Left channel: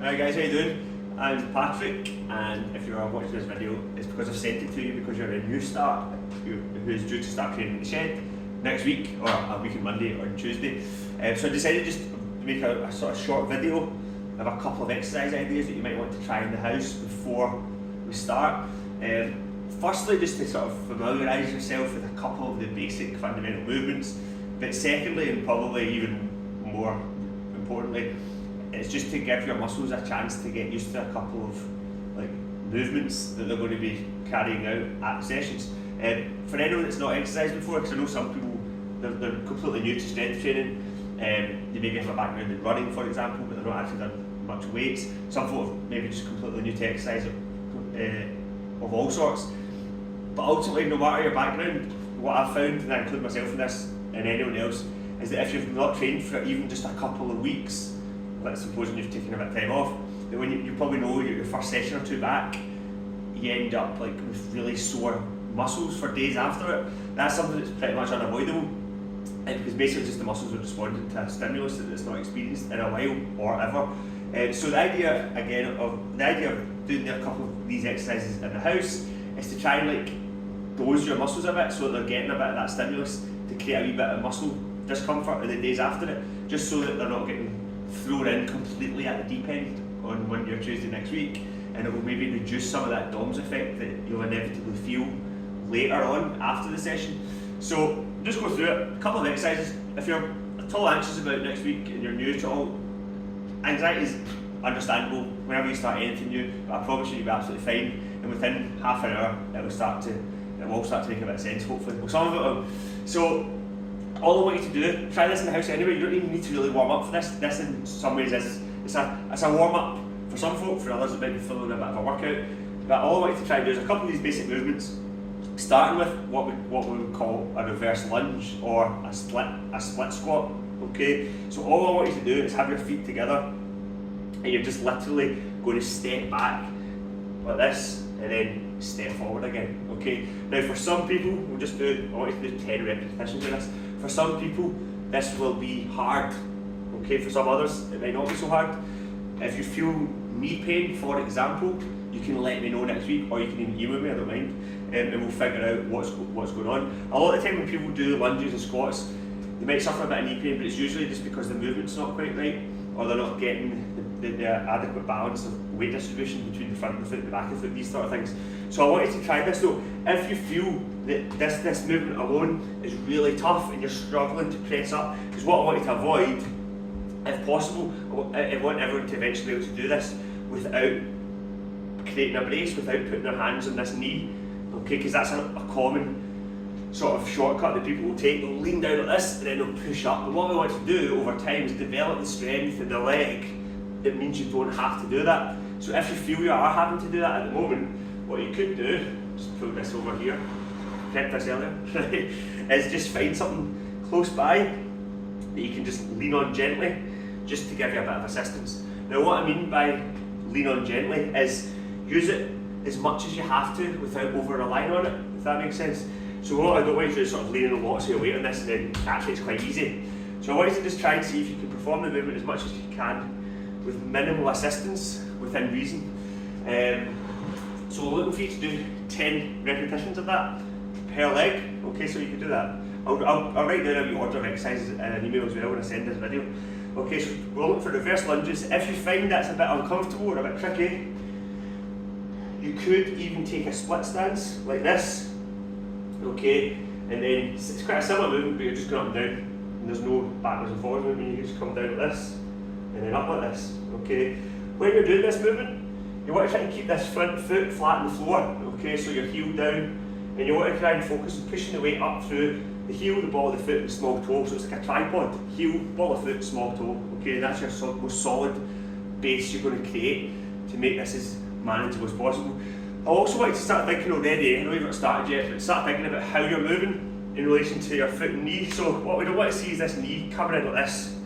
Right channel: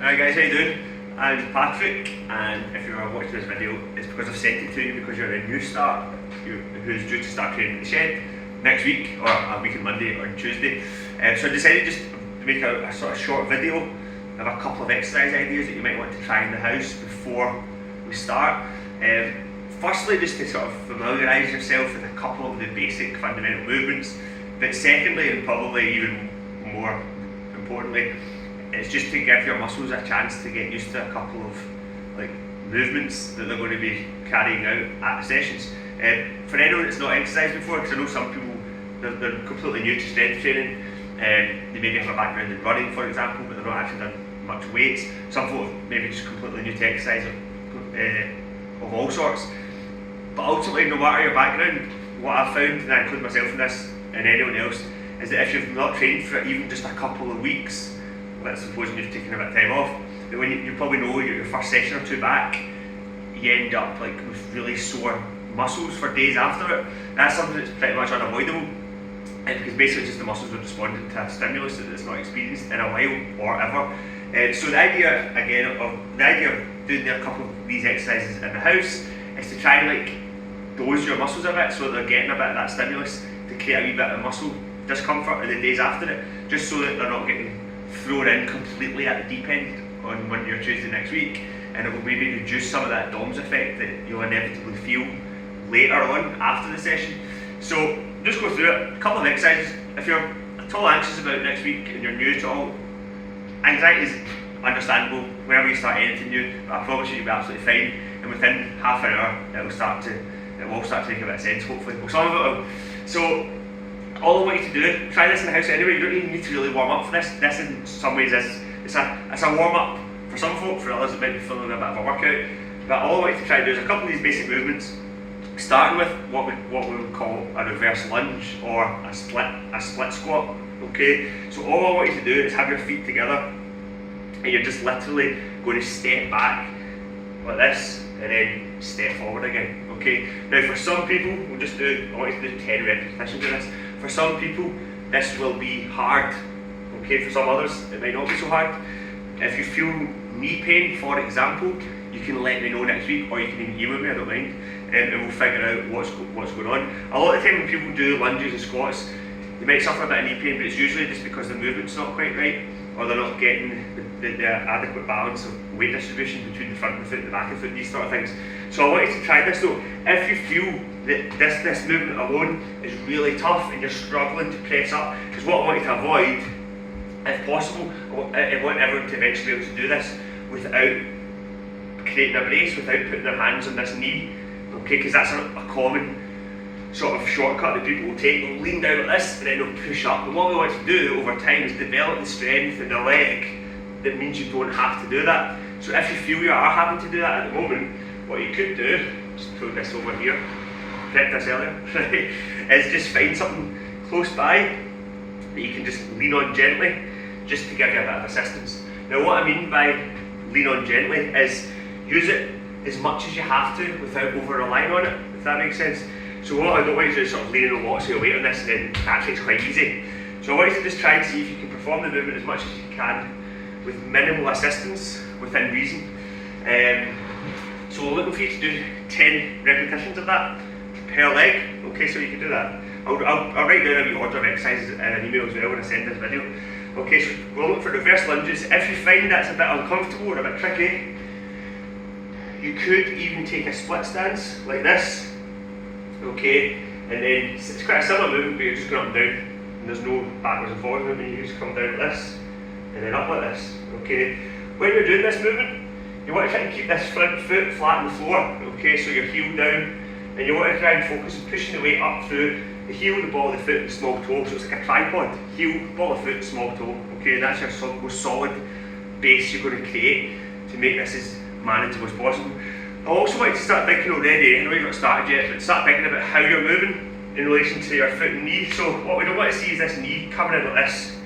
Alright guys, how you doing? I'm Patrick, and if you are watching this video, it's because I've sent it to you because you're a new start who's due to start training in the shed next week, or a week on Monday or on Tuesday. So I decided just to make a sort of short video of a couple of exercise ideas that you might want to try in the house before we start. Firstly, just to sort of familiarise yourself with a couple of the basic fundamental movements, but secondly, and probably even more importantly, it's just to give your muscles a chance to get used to a couple of movements that they're going to be carrying out at the sessions. For anyone that's not exercised before, because I know some people they're completely new to strength training, they maybe have a background in running, for example, but they're not actually done much weights. Some folk maybe just completely new to exercise of all sorts. But ultimately, no matter your background, what I've found, and I include myself in this and anyone else, is that if you've not trained for even just a couple of weeks, let's suppose you've taken a bit of time off, that when you probably know your first session or two back, you end up with really sore muscles for days after it. That's something that's pretty much unavoidable, because basically just the muscles are responding to a stimulus that it's not experienced in a while or ever. So the idea of doing a couple of these exercises in the house is to try and dose your muscles a bit so that they're getting a bit of that stimulus to create a wee bit of muscle discomfort in the days after it, just so that they're not getting thrown in completely at the deep end on Monday or Tuesday next week, and it will maybe reduce some of that DOMS effect that you'll inevitably feel later on after the session. So just go through it, a couple of exercises. If you're at all anxious about next week and you're new to all, anxiety is understandable whenever you start anything new, but I promise you you'll be absolutely fine, and within half an hour it will start to make a bit of sense, hopefully. Well, some of it will. So all I want you to do, try this in the house anyway. You don't even need to really warm up for this. This in some ways it's a warm up for some folk, for others it might be feeling a bit of a workout. But all I want you to try to do is a couple of these basic movements, starting with what we would call a reverse lunge or a split squat. Okay, so all I want you to do is have your feet together, and you're just literally going to step back like this and then step forward again. Okay, now for some people, I want you to do 10 repetitions of this. For some people, this will be hard. Okay, for some others, it might not be so hard. If you feel knee pain, for example, you can let me know next week, or you can even email me, I don't mind, and we'll figure out what's going on. A lot of the time when people do lunges and squats, they might suffer a bit of knee pain, but it's usually just because the movement's not quite right, or they're not getting the adequate balance of weight distribution between the front of the foot and the back of the foot, these sort of things. So I want you to try this though. If you feel that this movement alone is really tough and you're struggling to press up, because what I want you to avoid, if possible, I want everyone to eventually be able to do this without creating a brace, without putting their hands on this knee, okay, because that's a common sort of shortcut that people will take. They'll lean down like this and then they'll push up. And what we want to do over time is develop the strength in the leg that means you don't have to do that. So if you feel you are having to do that at the moment, what you could do, just put this over here, picked this earlier, is just find something close by that you can just lean on gently, just to give you a bit of assistance. Now what I mean by lean on gently is use it as much as you have to without over relying on it, if that makes sense. So what I don't want you to do is sort of lean in lots of your weight on this, and then actually it's quite easy. So I want you to just try and see if you can perform the movement as much as you can with minimal assistance within reason. So we're looking for you to do 10 repetitions of that per leg. Okay, so you can do that. I'll write down a wee order of exercises in an email as well when I send this video. Okay, so we're looking for reverse lunges. If you find that's a bit uncomfortable or a bit tricky, you could even take a split stance like this. Okay, and then it's quite a similar movement, but you're just going up and down, and there's no backwards and forwards movement. You just come down like this, and then up like this. Okay, when you're doing this movement, you want to try and keep this front foot flat on the floor. Okay, so your heel down, and you want to try and focus on pushing the weight up through the heel, the ball of the foot, and the small toe. So it's like a tripod: heel, ball of foot, small toe. Okay, that's your most solid base you're going to create to make this as manageable as possible. I also want you to start thinking already, I know you've not started yet, but start thinking about how you're moving in relation to your foot and knee. So what we don't want to see is this knee coming in like this.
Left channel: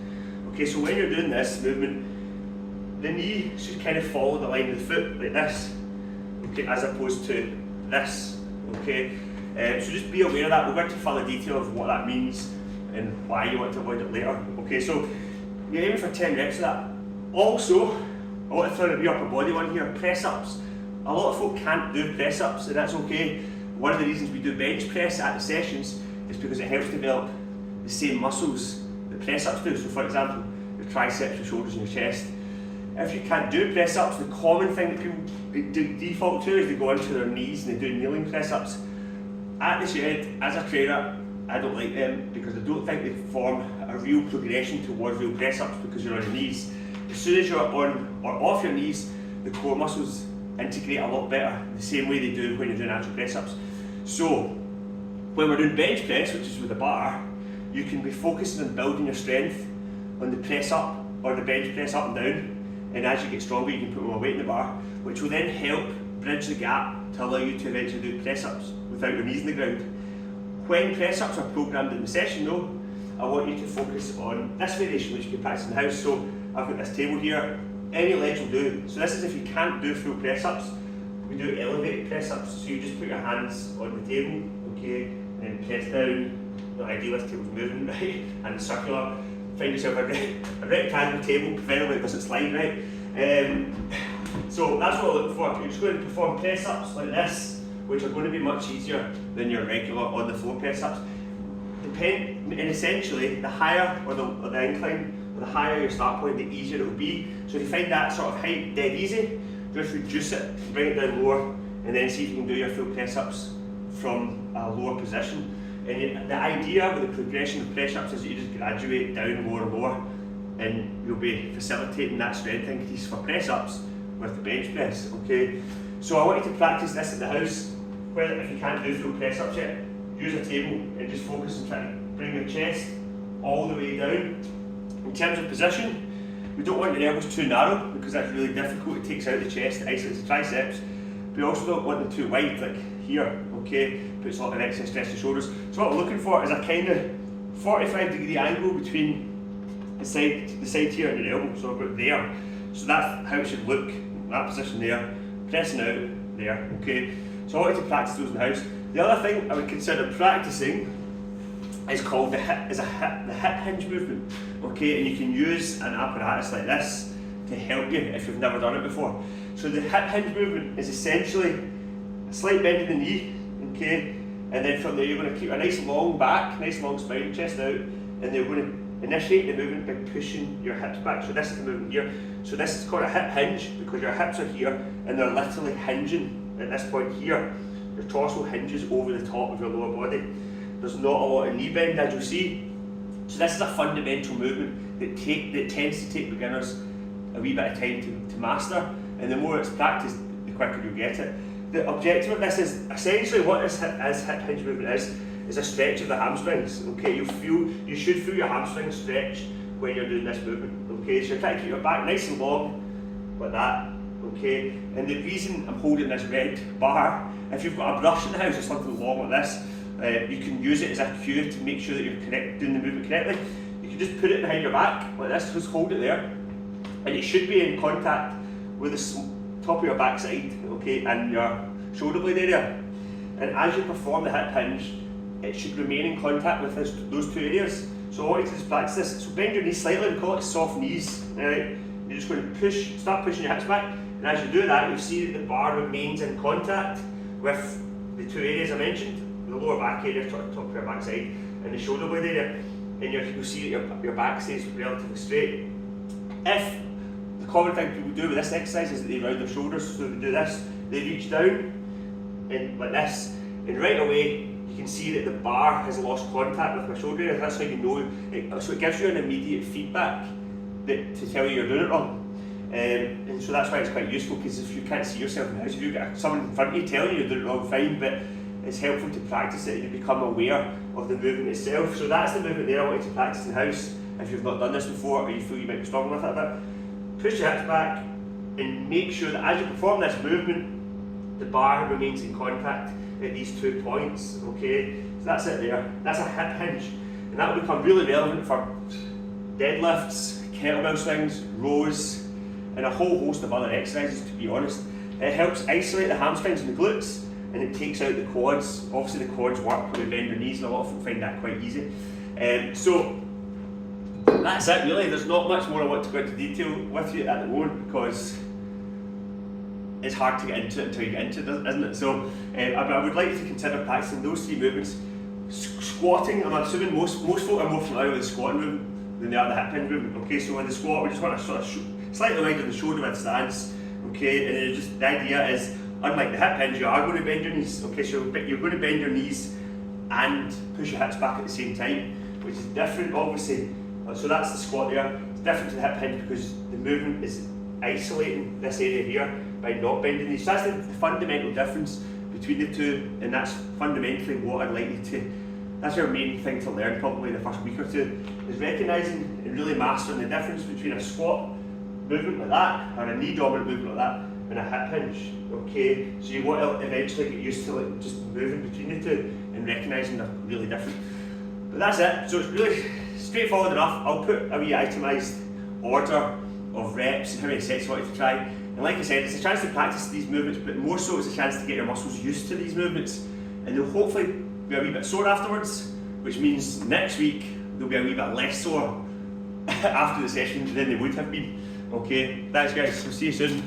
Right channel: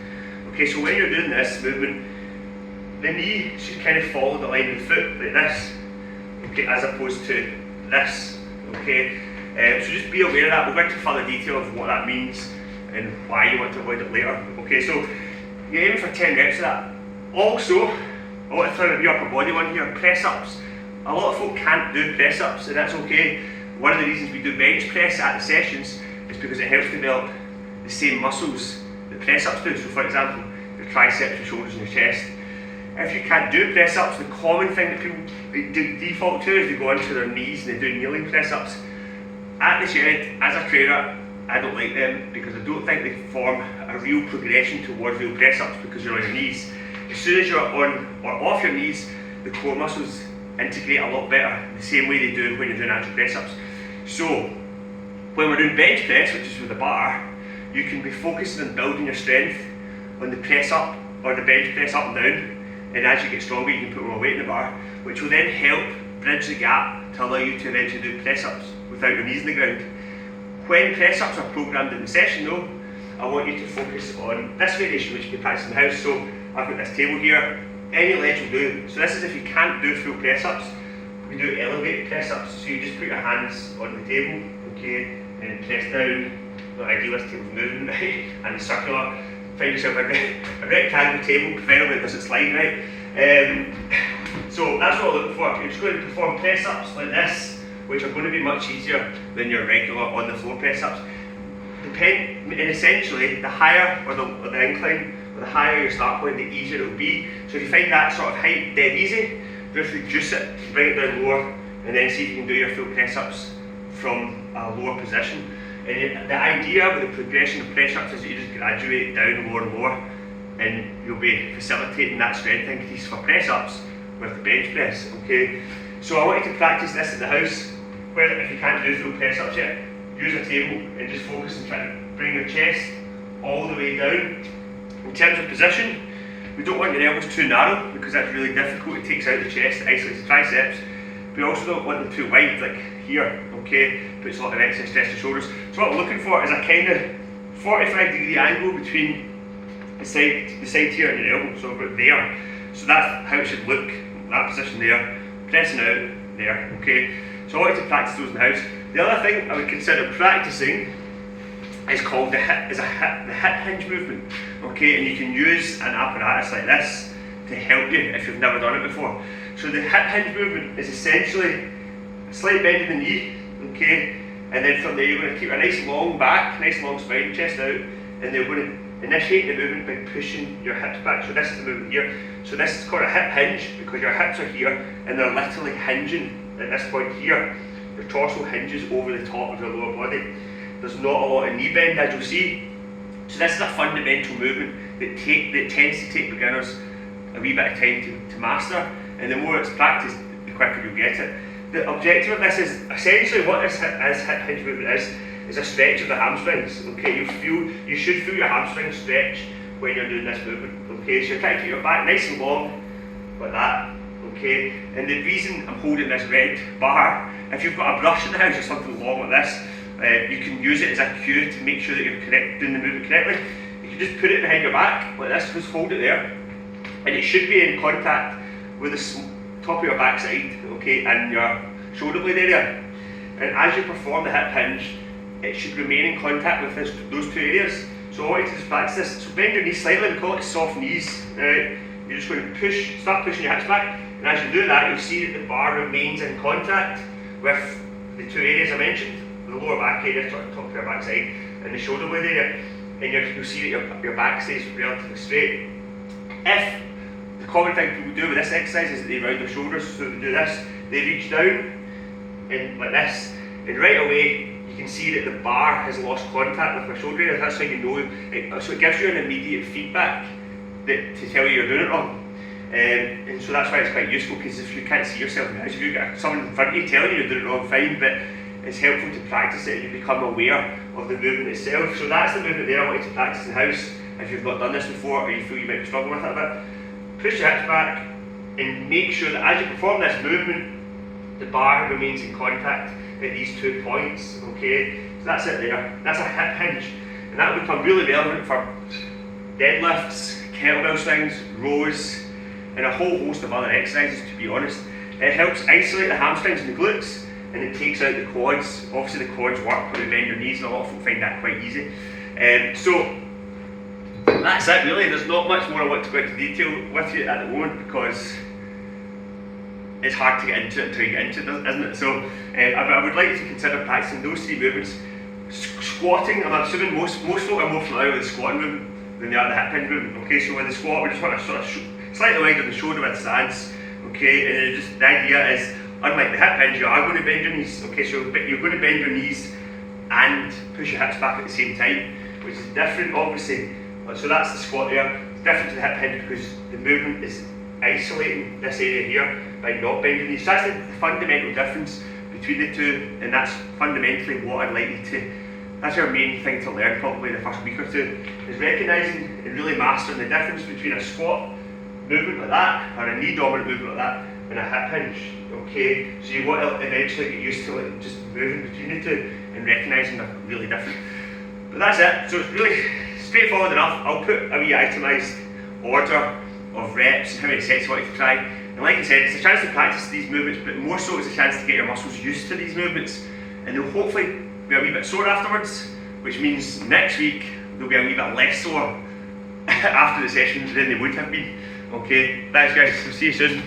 Okay, so when you're doing this movement, the knee should kind of follow the line of the foot like this, okay, as opposed to this. Okay, so just be aware of that. We'll go into further detail of what that means and why you want to avoid it later. Okay, so you're aiming for 10 reps of that. Also, I want to throw in the upper body one here, press ups. A lot of folk can't do press ups, and that's okay. One of the reasons we do bench press at the sessions is because it helps develop the same muscles that press ups do. So for example, your triceps, your shoulders and your chest. If you can't do press ups, the common thing that people default to is they go onto their knees and they do kneeling press ups. At the shed, as a trainer, I don't like them because I don't think they form a real progression towards real press ups because you're on your knees. As soon as you're on or off your knees, the core muscles integrate a lot better, the same way they do when you're doing actual press ups. So, when we're doing bench press, which is with the bar, you can be focusing on building your strength on the press up or the bench press up and down, and as you get stronger you can put more weight in the bar, which will then help bridge the gap to allow you to eventually do press ups without your knees in the ground. When press ups are programmed in the session though, I want you to focus on this variation which you can practice in the house. So I've got this table here, any ledge will do. So this is if you can't do full press ups, we do elevated press ups. So you just put your hands on the table, okay, and press down. Not ideal, this table's moving, right? And it's circular. Find yourself a rectangle table, preferably it doesn't slide, right? So that's what we're looking for. You're just going to perform press ups like this, which are going to be much easier than your regular on the floor press ups. And essentially, the higher or the incline, or the higher your start point, the easier it will be. So if you find that sort of height dead easy, just reduce it, bring it down lower, and then see if you can do your full press ups from a lower position. And the idea with the progression of press ups is that you just graduate down lower and lower, and you'll be facilitating that strength increase for press ups with the bench press. Okay, so I want you to practice this at the house. Where if you can't do full press ups yet, use a table and just focus on trying to bring your chest all the way down. In terms of position, we don't want your elbows too narrow because that's really difficult. It takes out the chest, it isolates the triceps. We also don't want them too wide, like here, okay? Puts a lot of excess stress to the shoulders. So what we're looking for is a kind of 45-degree angle between the side here and your elbow, so about there. So that's how it should look, that position there, pressing out there, okay? So I want you to practice those in the house. The other thing I would consider practicing is called the hip hinge movement, okay? And you can use an apparatus like this to help you if you've never done it before. So the hip hinge movement is essentially a slight bend in the knee, okay? And then from there you're going to keep a nice long back, nice long spine, chest out, and then we're going to initiate the movement by pushing your hips back. So this is the movement here. So this is called a hip hinge because your hips are here and they're literally hinging at this point here. Your torso hinges over the top of your lower body. There's not a lot of knee bend, as you'll see. So this is a fundamental movement that tends to take beginners a wee bit of time to master, and the more it's practiced, the quicker you'll get it. The objective of this is essentially what this hip hinge movement is a stretch of the hamstrings. Okay, you should feel your hamstrings stretch when you're doing this movement. Okay, so you're trying to keep your back nice and long, like that. Okay, and the reason I'm holding this red bar, if you've got a brush in the house or something long like this, you can use it as a cue to make sure that you're doing the movement correctly. You can just put it behind your back like this, just hold it there, and it should be in contact with the top of your backside, okay, and your shoulder blade area. And as you perform the hip hinge, it should remain in contact with those two areas. So I want you to just practice this. So bend your knees slightly, we call it soft knees. Right? You're just going to start pushing your hips back, and as you do that, you'll see that the bar remains in contact with the two areas I mentioned, the lower back area, top of your backside, and the shoulder blade area, and you'll see that your back stays relatively straight. If the common thing people do with this exercise is that they round their shoulders, so they do this, they reach down and like this, and right away you can see that the bar has lost contact with my shoulder area. That's how you know it. So it gives you an immediate feedback to tell you you're doing it wrong. And so that's why it's quite useful, because if you can't see yourself in the house, if you've got someone in front of you telling you you're doing it wrong, fine, but it's helpful to practice it and you become aware of the movement itself. So that's the movement there I want you to practice in the house if you've not done this before or you feel you might be struggling with it a bit. Push your hips back and make sure that as you perform this movement, the bar remains in contact at these 2 points, okay? So that's it there. That's a hip hinge. And that will become really relevant for deadlifts, kettlebell swings, rows, and a whole host of other exercises, to be honest. It helps isolate the hamstrings and the glutes, and it takes out the quads. Obviously the quads work when you bend your knees, and a lot of people find that quite easy. So that's it really. There's not much more I want to go into detail with you at the moment because it's hard to get into it until you get into it, isn't it? So I would like you to consider practicing those 3 movements. Squatting, I'm assuming most folk are more familiar with the squatting movement than they are the hip hinge movement. Okay, so with the squat we just want to sort of slightly wider the shoulder width stance. Okay, and then just the idea is, unlike the hip hinge, you are going to bend your knees. Okay, so you're going to bend your knees and push your hips back at the same time, which is different obviously. So that's the squat there. It's different to the hip hinge because the movement is isolating this area here by not bending these. So that's the fundamental difference between the two, and that's fundamentally what I'd like you to, that's your main thing to learn probably the first week or two, is recognising and really mastering the difference between a squat movement like that, or a knee dominant movement like that, and a hip hinge. Okay, so you want to eventually get used to like just moving between the two and recognising they're really different. But that's it, so it's really straightforward enough. I'll put a wee itemised order of reps and how many sets you want to try. And like I said, it's a chance to practice these movements, but more so it's a chance to get your muscles used to these movements, and they'll hopefully be a wee bit sore afterwards, which means next week they'll be a wee bit less sore after the session than they would have been. Okay, thanks guys, we'll see you soon.